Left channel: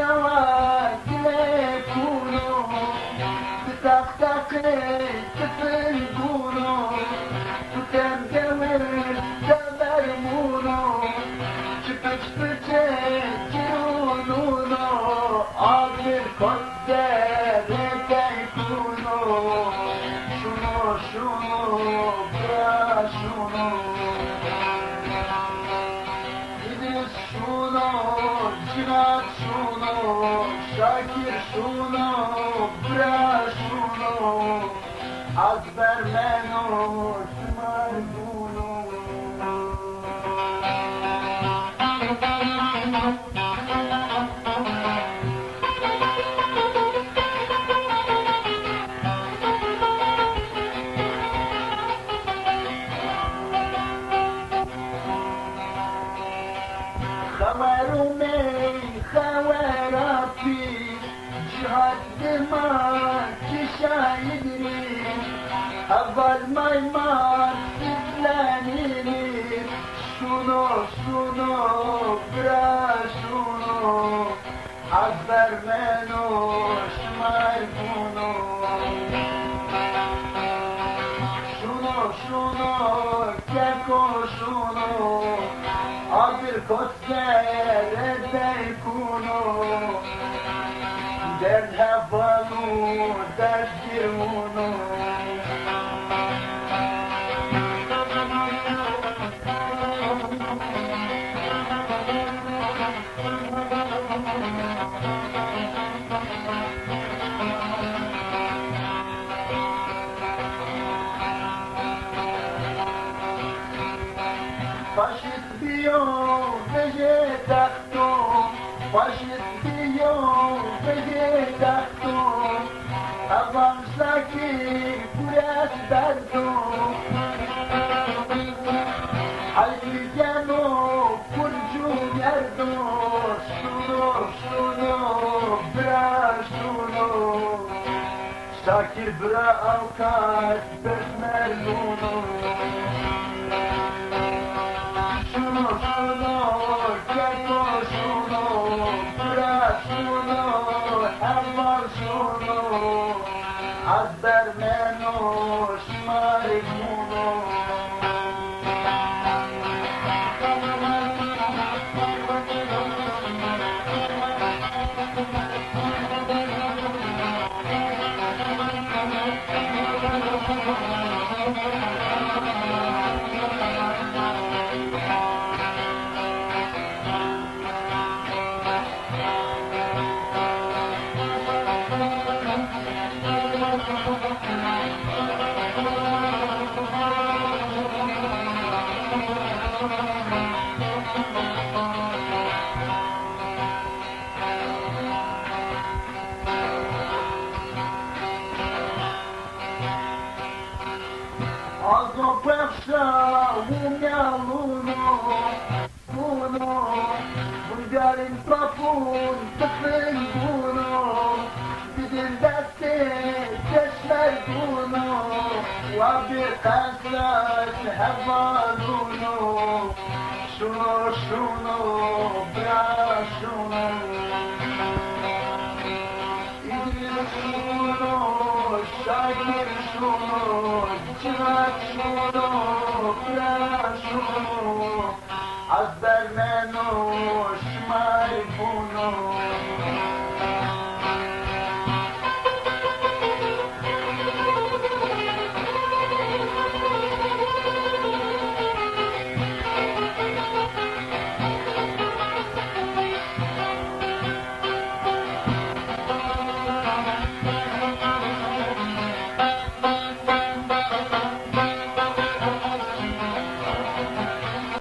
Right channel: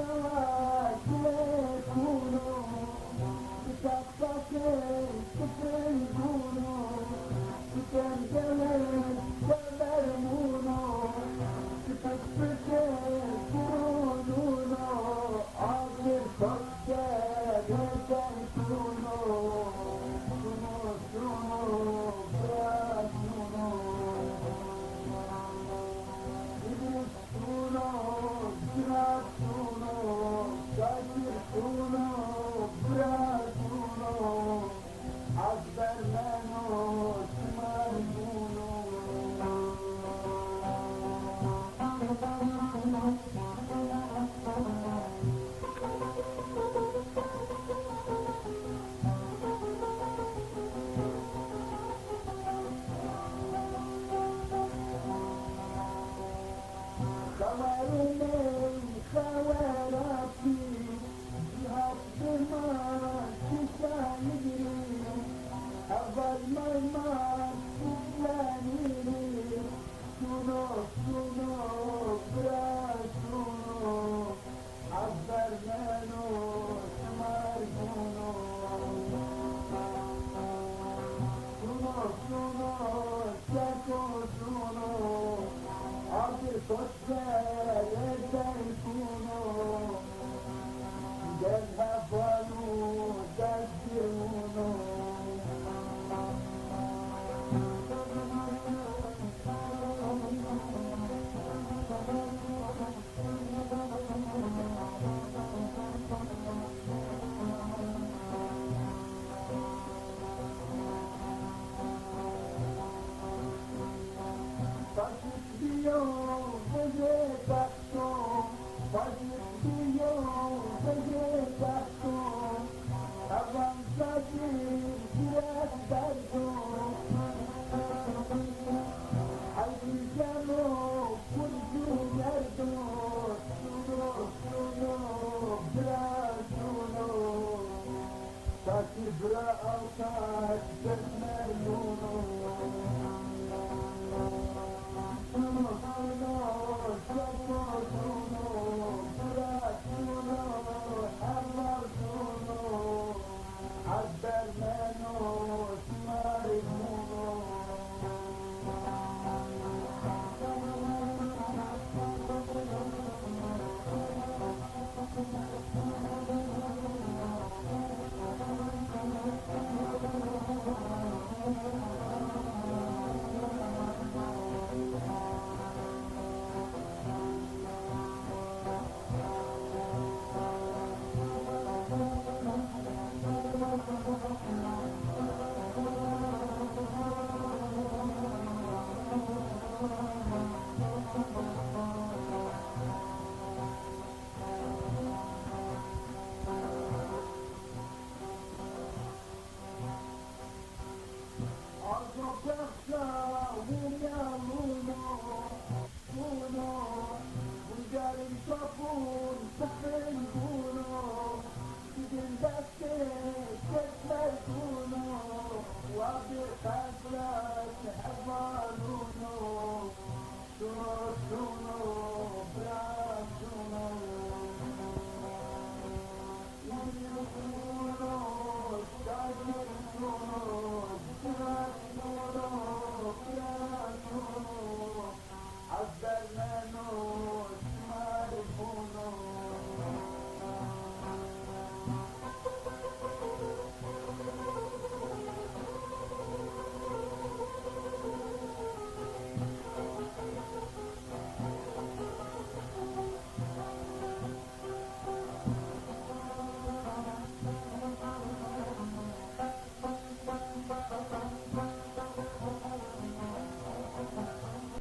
شواكل كونو بتقتقي تفلقونو وتنقمر تمرمونو شبك شبك جنونو عاقل قدر تيكونو شنو شنو بلا شنو İdris şunu, Cihat şunu, Şakir şunu, Bra şunu, Akber menu, Tümar bunu. خوارمي خواراتي جهاد دماء كشايدري أول ما يمار سفلانيني شنو شنو برا شنو أكبر منو شمال بونو شنو شنو كيكو شنو عبر كسر تيكونو در هفانو تشكرونو Faşist diyor vegetatum, faşist diyor vegetatum, avançdaki kuras derdum, halkigeno kurcu yerdo, şunu şunu bra şunu, Şakir bra avukat besmerluno. Şunu şunu, keko şunu, bırak şunu, hemen şunu, azber menu, şımarık bunu. Azopewsza umia luno, luno, Bulgarin profun tıfın bunu, Didin deste teşmer bunu, Vabi kasrat hevaluno, Şunu şunu bra şunu, İdris şunu, Şakir şunu, Cihat şunu, bra şunu, Azber menu,